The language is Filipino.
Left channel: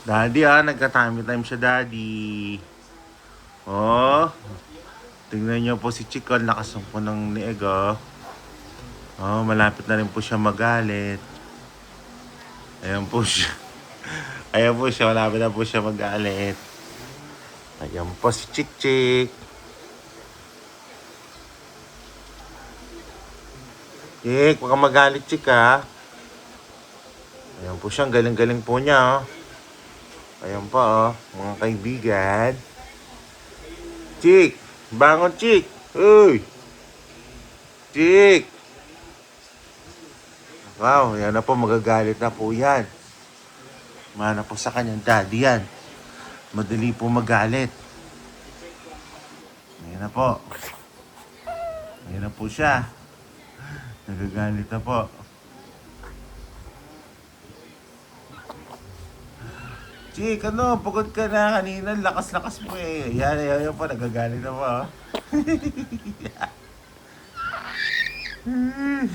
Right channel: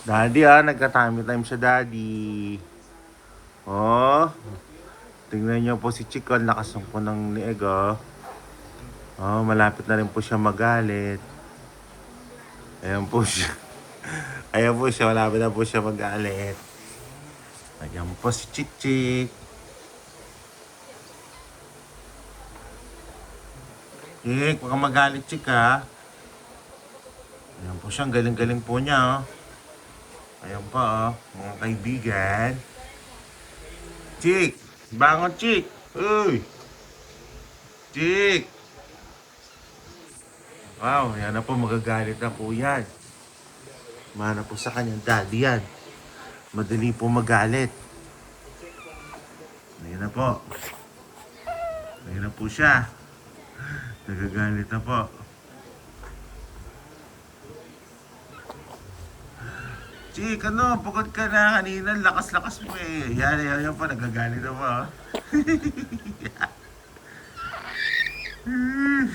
Daddy nagka-tummy time siya, Daddy. Oh, tingnan niyo po si Chico, lakas ng po ng lieg, oh. Oh, malapit na rin po siya magalit. Ayan po siya. Ayan po siya, malapit na po siya magalit. Ayan po si Chick Chick. Chick, baka magalit, Chick, ha. Ayan po siya, ang galing-galing po niya, oh. Ayan pa, oh, mga kaibigan. Chick! Bangon, Chick! Uy! Chick! Wow, yan na po, magagalit na po yan. Mana po sa kanyang daddy yan. Madali po magalit. Ayan na po. Ayan na po siya. Nagagalit na po. Chick, pagod ka na kanina, lakas-lakas mo eh. Yan po, nagagalit na po.